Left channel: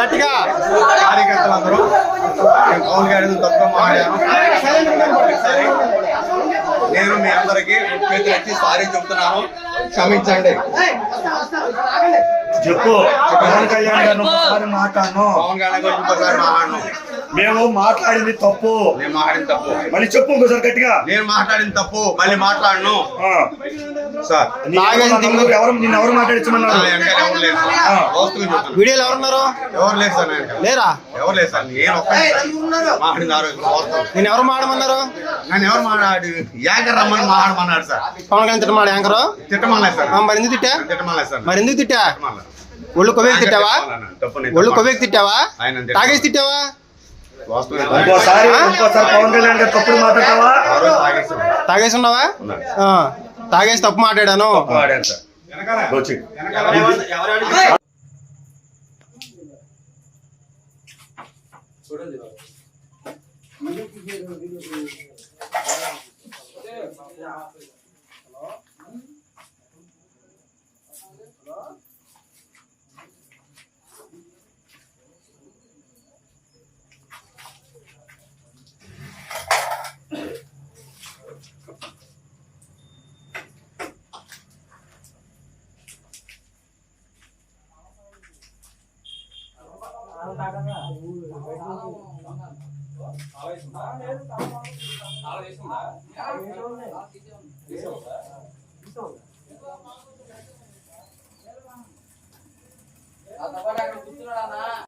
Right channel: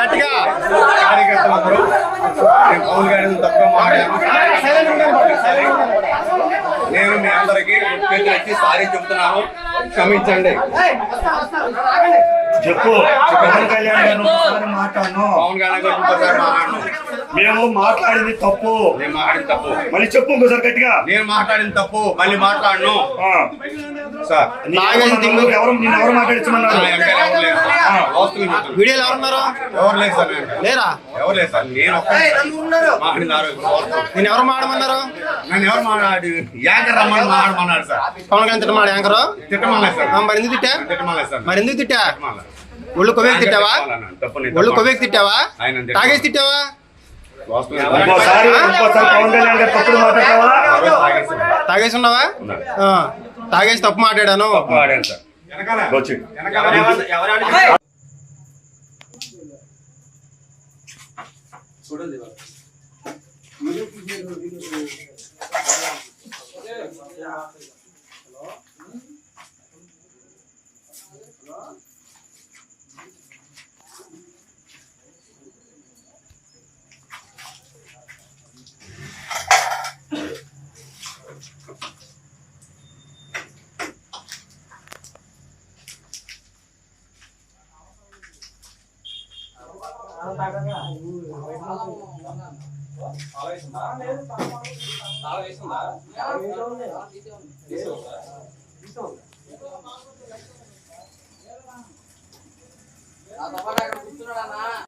గట్టిగా కార్యకర్తలందరూ పవన్ గారి తప్పుగా మాట్లాడాను. నేను మీ అందరికి చేతులు ఎత్తి సారీ చెప్తున్నాను, క్షమించండి. చెప్పు పవన్ కళ్యాణ్ గారు మాట్లాడను. పవన్ కళ్యాణ్ గారు ఇంకోసారి మాట్లాడను. మేము మాట్లాడింది తప్పు. నేను మాట్లాడింది తప్పు. మళ్ళీ చెప్పు ఇంకోసారి గట్టిగా. నేను మాట్లాడింది తప్పు, మళ్ళీ మాట్లాడను. సార్ ఎవరు మాట్లాడించమన్నారు? వీడియోలు ఎవరున్నారు? ఎవరు లేదు సార్. లేరా? ఎవరు లేదు సార్. నేను మాట్లాడింది నేను ఎవరు మాట్లాడమన్నారు? నన్ను ఎవరు మాట్లాడి యాంకర్ రమ్మని మాట్లాడమన్నాడు సార్. పవన్ కళ్యాణ్ తిట్టమాడు యాంకరు? తిట్టమలేదు సార్. మరి ఎందుకు తిట్టా? తిట్టమలేదు సార్. మరి ఎందుకు తిట్టా? ఒళ్ళు కొవ్వేకి తిట్టావా? ఒళ్ళు కొవ్వేకి తిట్టావా? తాగేసి తిట్టావా? ఇంకోసారి పవన్ కళ్యాణ్ గారు తప్పుడు మాట్లాడతావా? తాగేసి ఉన్నావా? తాగేసి తప్పు మాట్లాడాను. చూడండి